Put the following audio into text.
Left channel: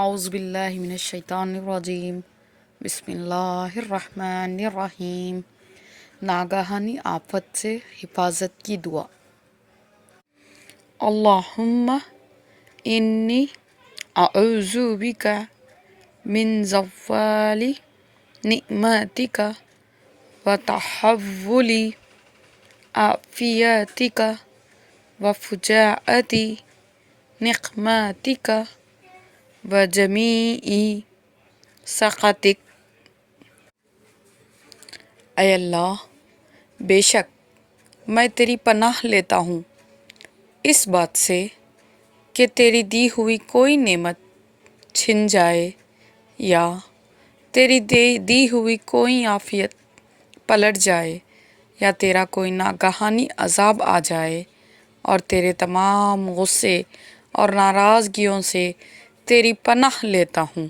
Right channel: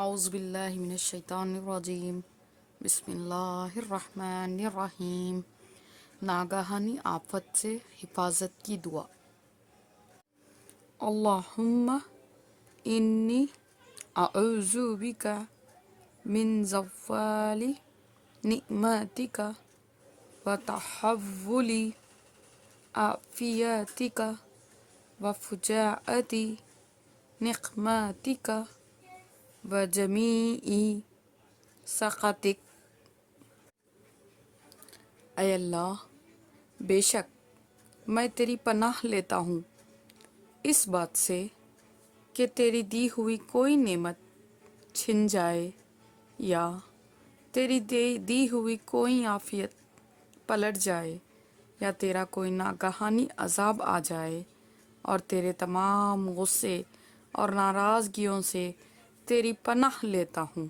اعوذ باللہ من الشیطان الرجیم بسم اللہ الرحمن الرحیم۔ ناگہانی آفت سے حفاظت کی دعا۔ اللہم انی اعوذ بک من زوال نعمتک وتحول عافیتک وفجاءت نقمتک وجمیع سخطک۔ اے اللہ، بے شک میں تیری پناہ لیتا ہوں اس بات سے کہ تیری دی ہوئی کوئی نعمت چھن جائے یا تیری دی ہوئی کوئی عافیت پلٹ جائے یا تیرا کوئی ناگہانی عذاب آ جائے، اور تیرے تمام غصے اور ناراضگیوں سے تیری پناہ لیتا ہوں۔